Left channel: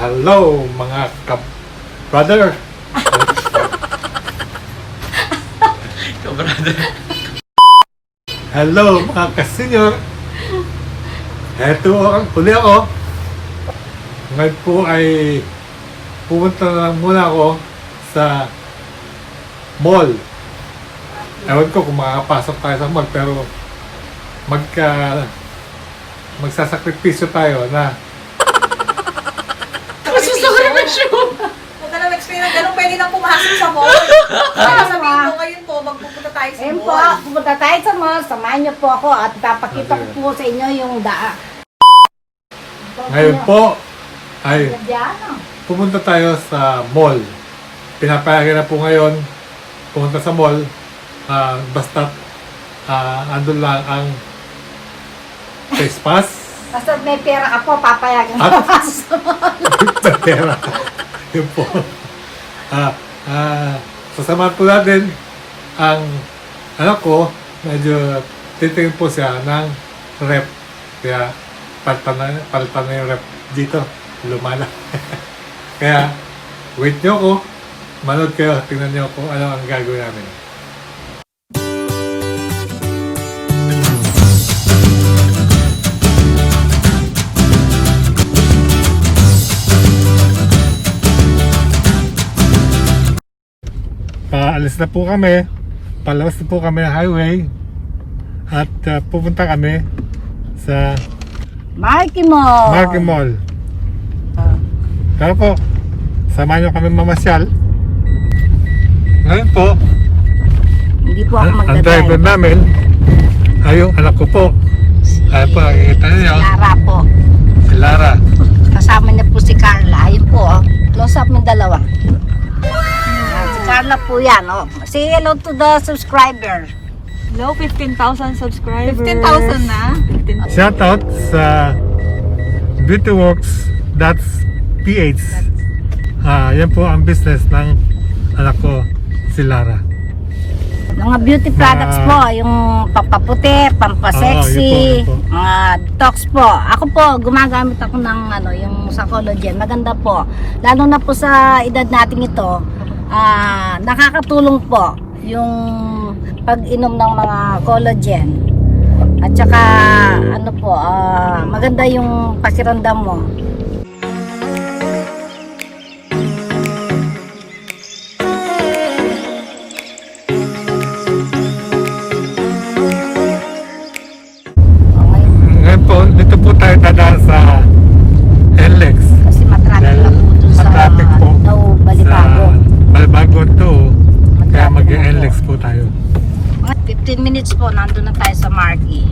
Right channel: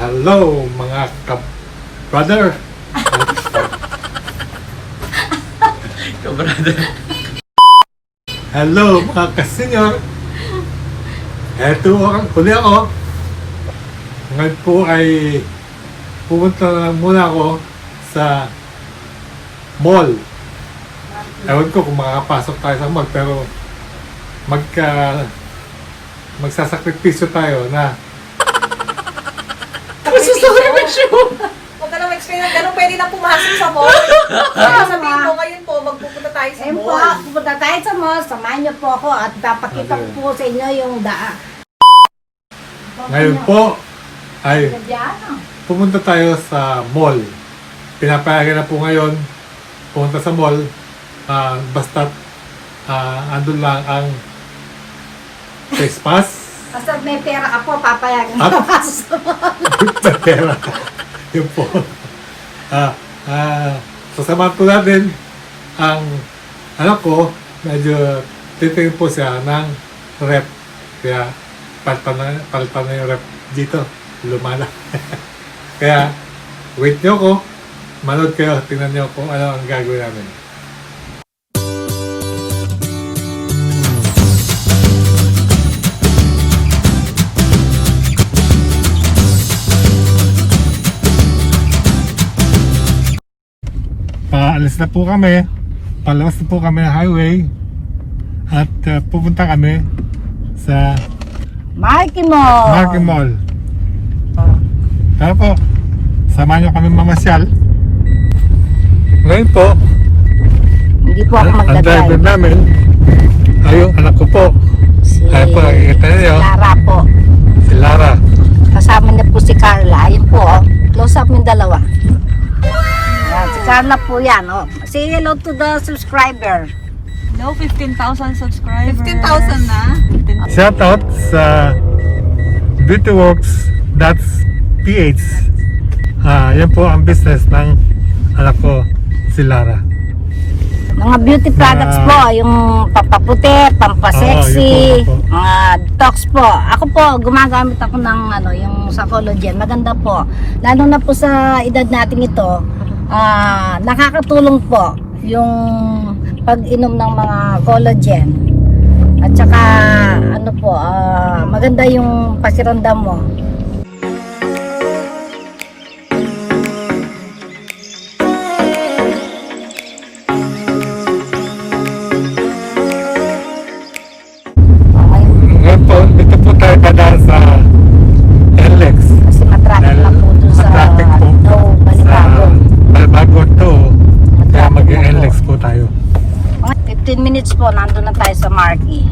Hello mga ka-brother. Ka-brother. Hello mga ka-senior. Eto uli ako. Ngayon po ay pumunta na muna ako sa mall. Ewan ko kung makakapasok tayo sa mall, pero magsasakripisyo tayo na Magsasakripisyo! Huwag ka na mag-explain ng gano'n, pwede na pumasok sa mall. Sabihin ko ngayon po, magpupunta tayo sa Ayun po, mall. pupunta tayo sa mall, samahan niyo po ako at papakita ko po sa inyo yung daan. ngayon po ay pumunta tayo sa mall. Pinapayagan na po ngayon pumunta sa mall, basta't andun lang ang face pass. Basta may pera ako, papayagan At- ko pasok sa mall. Pera. Yun po. Sasamahan po natin ang anak ko. Medyo titingin po siya ng rep. Kaya palitan na yung rep dito. Lumala. Kaya wait nyo ko. Manood kayo. Tingnan nyo kung ano ang gagawin namin. Paalis na po kami. Palabas na po kami ng highway. At pupunta kami sa Marky Mall! Marky Mall. Tara po, samahan nyo kami mamasyal. Ngayon po, Hindi po ako ang driver magdadrive. namin ay yung anak ko po. Ayan po, kita niyo, Lara po. si Lara. Kasama niya po si Carla. Ayun po, oh. Close up yung dalawa. Si Carla po yan. Oh. Say hello to the subscriber. Hello, 15,000 subscribers. 15,000 na? Shoutout sa beautyworks.ph. Yan po ang business ng anak ko, si Lara. Mga beauty products po, yung pampaputi, pampasexy, yun po. mga detox po. Ako po, gumagamit ako ng yung sa collagen. Maganda po. Lalo na po sa edad natin ito, nakakatulong po yung pag-inom ng mga collagen. At saka, maganda yung pakiramdam mo. Ngayon po, dito po tayo dadaan sa NLEX. Kasi matraffic na po doon sa Sa Balibago. Balbago to. Kaya mag-NLEX po tayo. 15 minutes po, nandun na tayo sa Marky.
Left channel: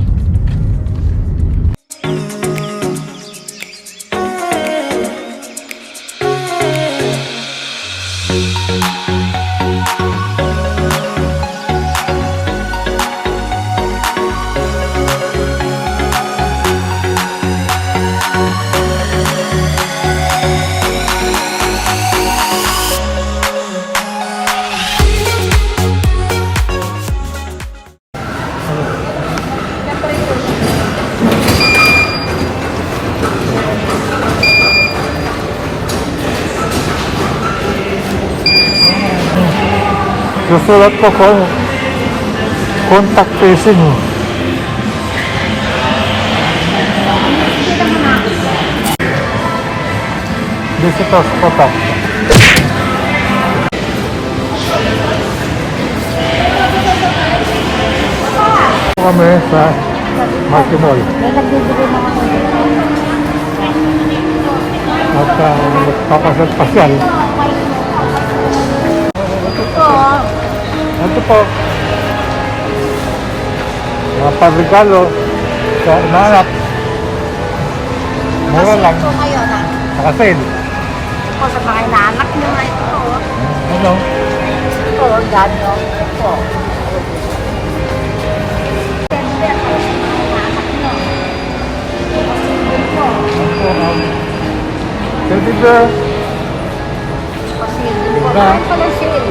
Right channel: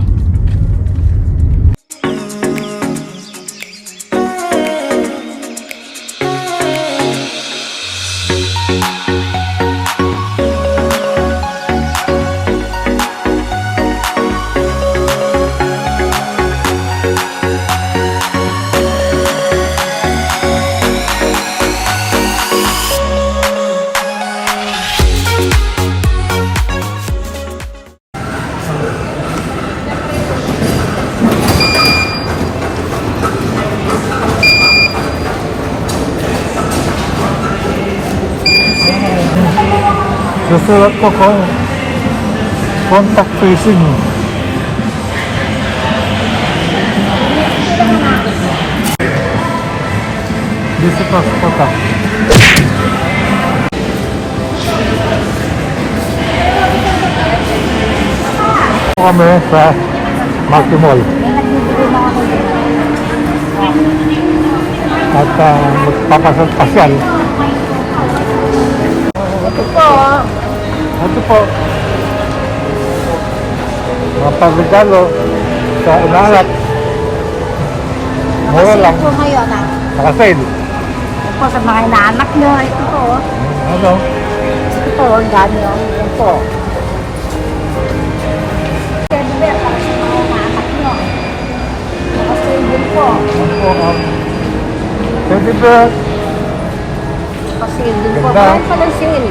Susulat po kung contact tracing. Visitors po po. Kami sa Marky Mall. May nagbibigay na ako. At magpapasal-pasal. Ito po, mga pagregalo sa inayat. Ngayon lang, Ito kayo, ha? nakasale. Ito sa mga inaanak nyo. Ito po. Ano? Ito, ang dami. Ito po. Silver, para sa mga inaanak nyo. Ito pa silver po. Ano po ang teddy bear? Silver po. Ganda. Walang silver.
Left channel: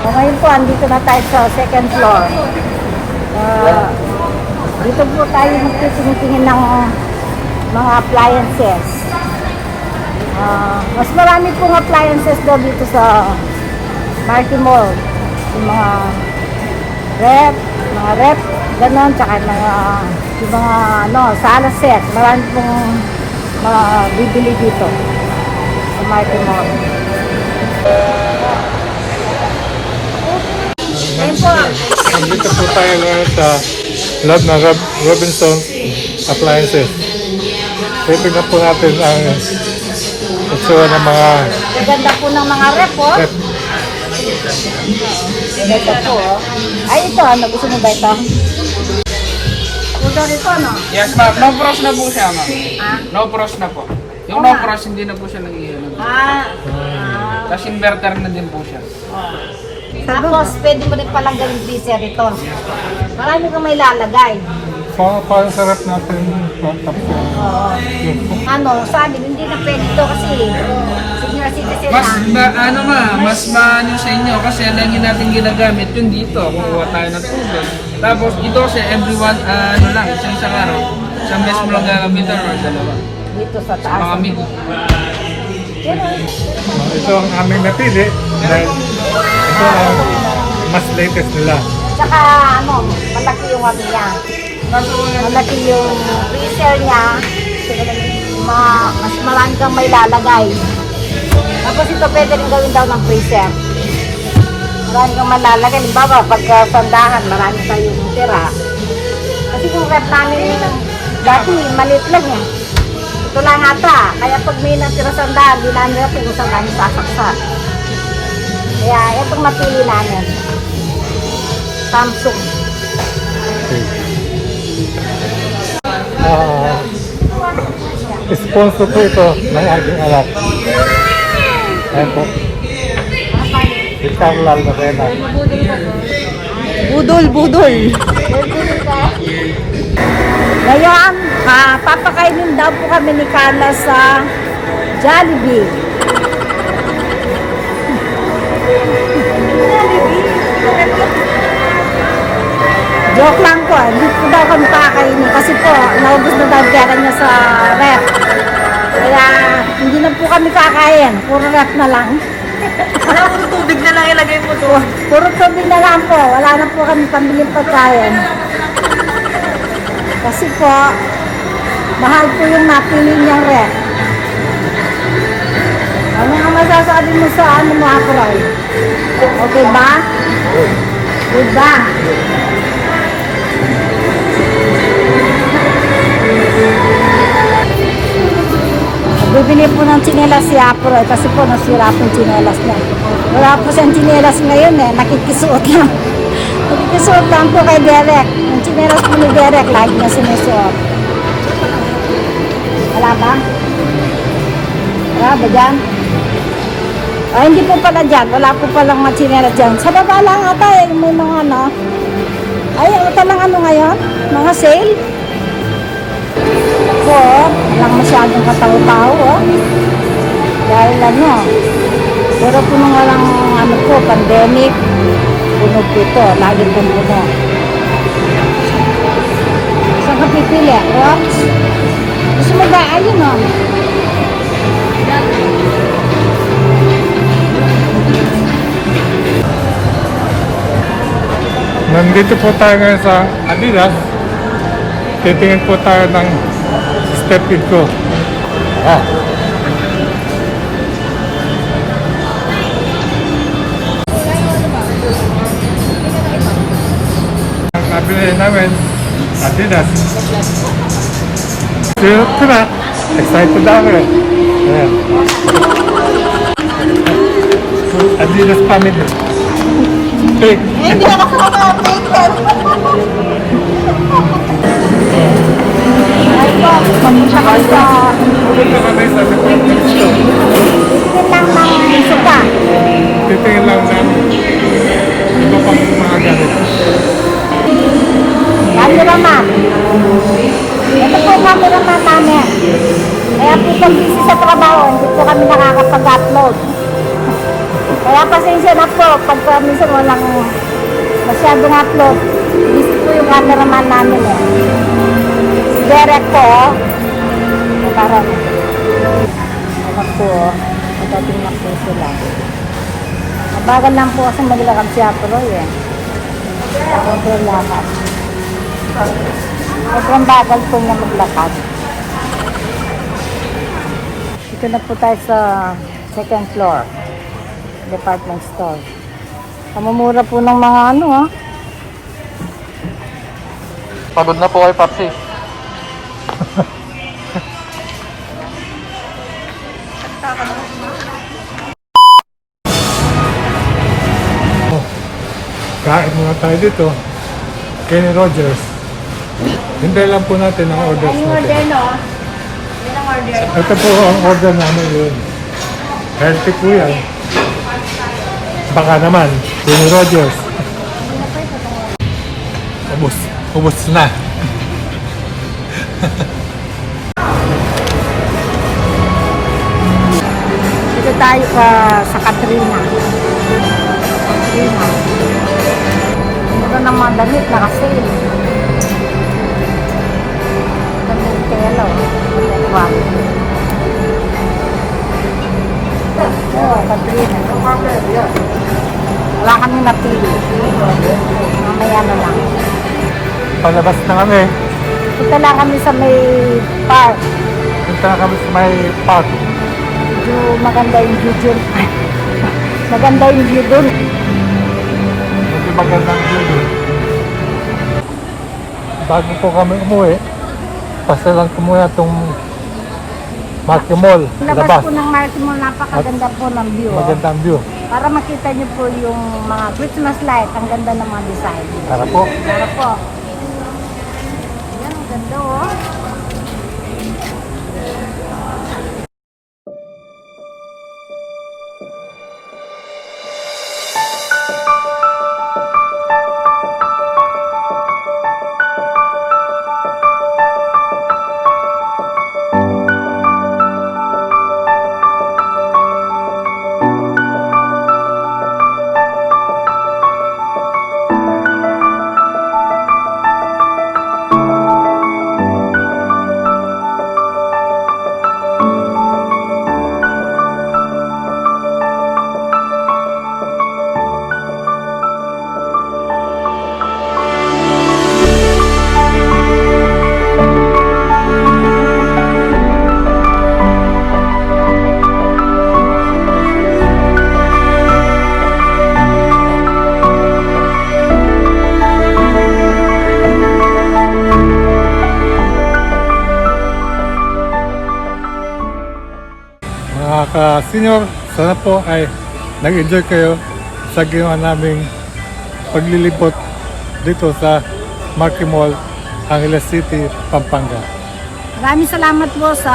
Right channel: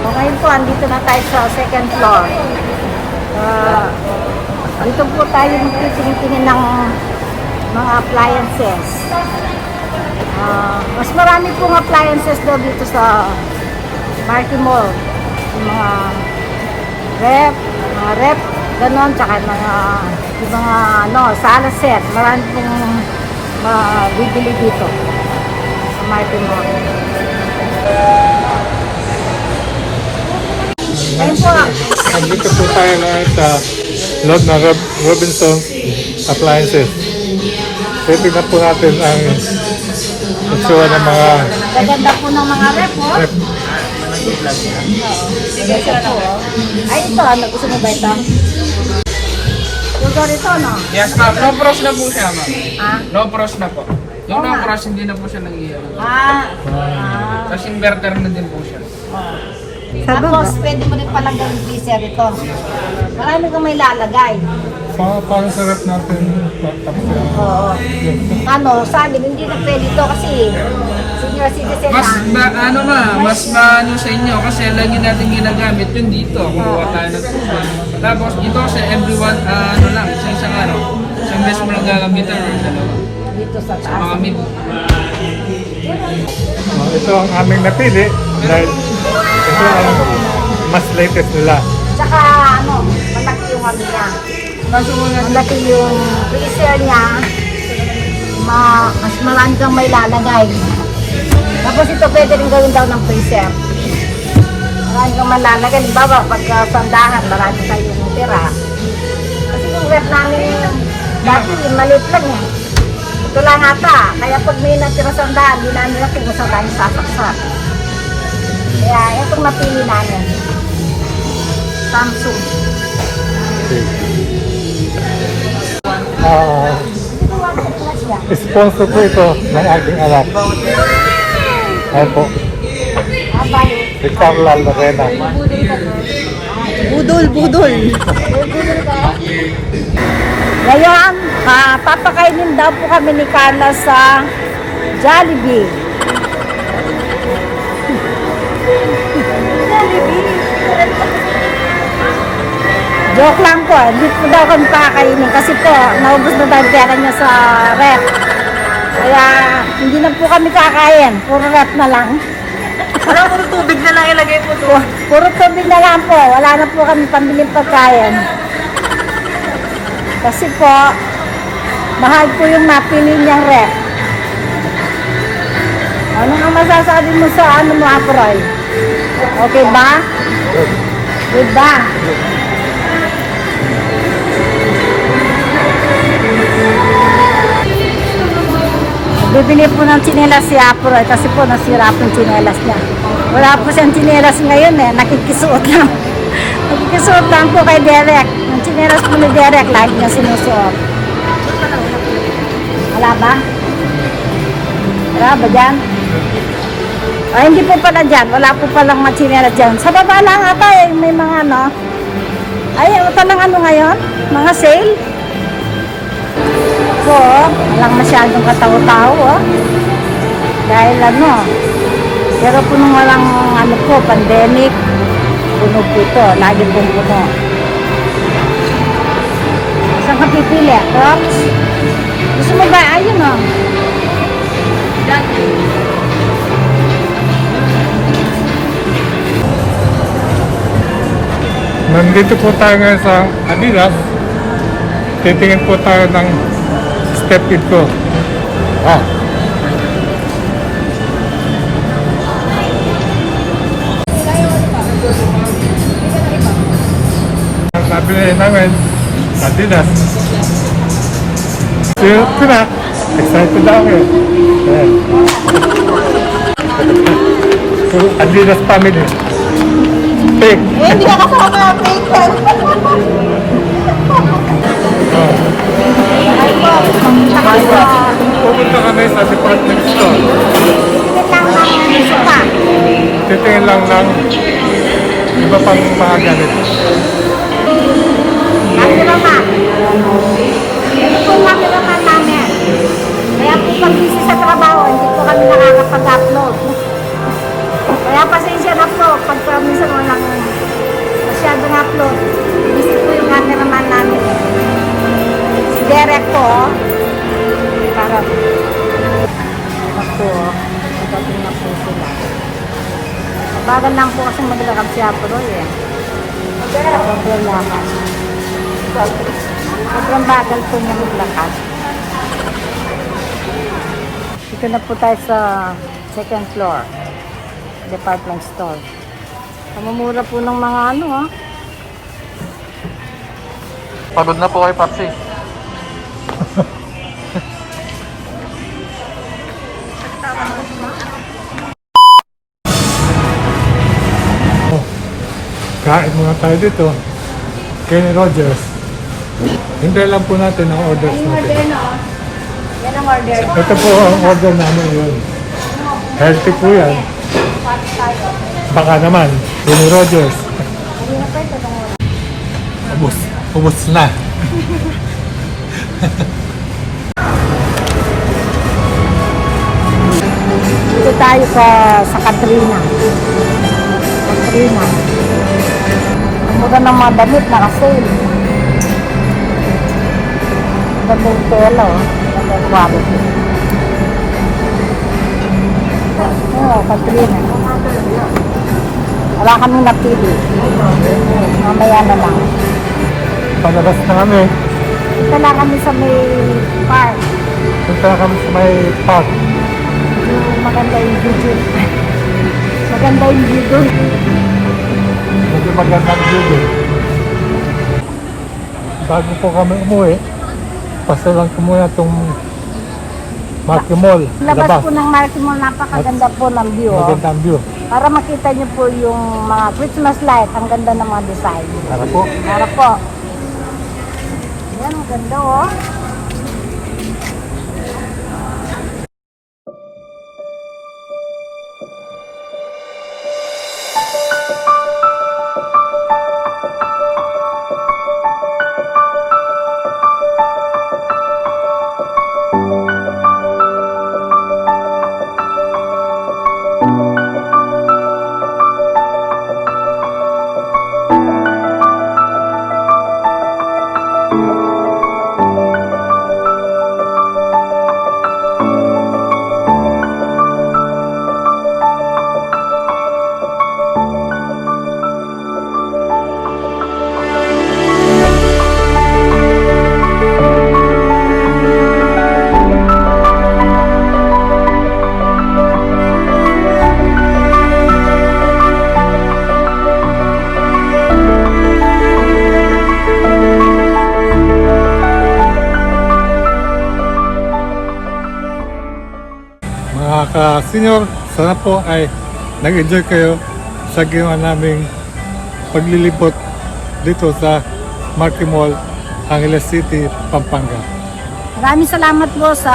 So ngayon po, andito na tayo sa second floor. Dito po tayo magtitingin ng mga appliances. Mas marami pong appliances daw dito sa Marty Mall. Yung mga rep, ganon, tsaka yung mga sala set. Marami pong bibili dito sa Marty Mall. Ayun po. Nandito po tayo ngayon sa loob ng Robinson Appliances. Titignan po natin ang itsura ng mga Gaganda po ng mga rep, oh. rep. Ito po, oh. Ay, ito, ano, gusto mo ba ito? Pudo rito, no? Yes, ma'am. Low frost na po siya, ma'am. Ah? Low frost na po. Yung Oo low nga. frost, hindi na po siya nag-iiwan. Tapos inverter na din po siya. Oh. Tapos, pwede mo rin palang gawin freezer ito. Marami kang may lalagay. Parang sarap natin tapos yan. Oo. Ano, sa amin, hindi na pwede ito kasi senior citizen na. Mas maano sa inyo kasi lagi natin ginagamit yung dito. Kukuha tayo ng tubig. Tapos ito kasi everyone, isang araw. Isang beses mo lang gagamitan or dalawa. Dito sa Sa taas. mga mid. Ito ang aming napili dahil ito ang mas latest nila. Tsaka, malaki yung ano niya. Kaso mga Malaki yung freezer niya. Mas marami kang may lalagay. Tapos ito pwede rin gawin daw ng freezer. Marami kang malalagay. Halimbawa, pagka sandahan, marami kayong tira. Kasi yung rep namin dati, maliit lang eh. Ito lang ata. Kaya pag may natira sandahan, hindi namin natin kung saan namin sasaksak. Kaya itong napili namin. Samsung. Okay. Sponsor po ito ng aking anak. Ayan po. Isang lalabena. Budol. Ngayon, papakainin daw po kami ni Carla sa Jollibee. Joke lang po, hindi po daw kami pakakainin kasi po, naubos na daw pera niya sa rep. Kaya, hindi na po kami kakain, puro rep na lang. Parang puro tubig na lang ilagay mo to. Puro tubig na lang po, wala na po kami pambiling pagkain. Kasi po, mahal po yung napili niyang rep. Ano nga masasabi mo sa mo, Aporay? Okay ba? Good ba? Bibili po ng tsinelas si Aporay kasi po nasira po yung tsinelas niya. Wala po siyang tsinelas ngayon eh, nakikisuot lang. Nakikisuot lang po kay Derek. Yung tsinelas po ni Derek, lagi niya sinusuot. Wala ba? Wala ba dyan? Ay, hindi po pala dyan. Wala po palang mga tsinelas dyan. Sa baba lang ata eh, may mga ano. Ay, ito lang ano ngayon? Mga sale? Po, walang masyadong kataw-tao, oh. Dahil ano, pero po nung walang ano po, pandemic, puno po ito, lagi pong puno. Saan ka pipili? Crocs? Gusto mo ba? Ayun, oh. Nandito po tayo ngayon sa Adidas. Titingin po tayo ng step into. Ang sabi na namin, Adidas. So, na. Excited ako eh. Ayan. So, Adidas family. Big. Hindi ka kasama printer. Ay po, pumunta kayo sa Pupunta kami sa department store. titigil lang ng suka. Titingin lang ng iba pang mga gamit. Cameraman. Ito po ang cameraman namin. Kaya po pag busy sa trabaho, hindi po kami nakakapag-upload. Kaya pasensya na po, pagka minsan walang masyadong upload. Busy po yung cameraman namin. Si Derek po, lakaran. Anak po, magating na po sila. Mabagal lang po kasi maglakad si Aproy eh. Sobrang lakad. Sobrang bagal po niya maglakad. Dito na po tayo sa second floor. Department store. Kamumura po ng mga ano ha. Pagod na po kay Papsi. Kain muna tayo dito. Kenny Rogers. Hintay lang po natin ang orders natin. Ito po ang order namin yun. Healthy po yan. Baka naman, Kenny Rogers. Ubus na. Dito tayo sa Katrina. Katrina. Mura ng mga damit, naka-sale. Ganda yung tela, oh. Ganda yung quality. Wala kami napili. Mamaya na lang. Palabas na kami. Punta lang kami sa may park. Punta na kami sa may park. Medyo maganda yung view dun. Maganda yung view dun. Medyo magandang view doon. Bago po kami umuwi, pasa lang po muna itong Marky Mall. Labas po ng Marky Mall, napakaganda po ng view. Oh. Magandang view. Para makita niyo po yung mga Christmas light, ang ganda ng mga design. Para po. Para po. Yan, ang ganda oh. Mga ka-senior, sana po ay nag-enjoy kayo sa ginawa naming paglilibot dito sa Marky Mall, Angeles City, Pampanga. Maraming salamat po sa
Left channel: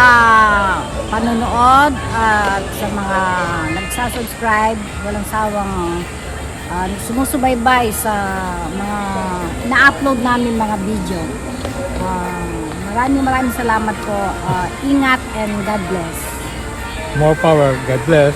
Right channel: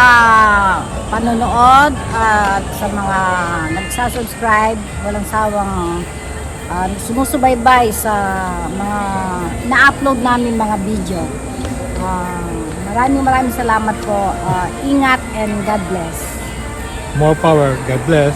panonood at sa mga nagsasubscribe, walang sawang sumusubaybay sa mga na-upload namin mga video. Maraming salamat po. Ingat and God bless. More power. God bless.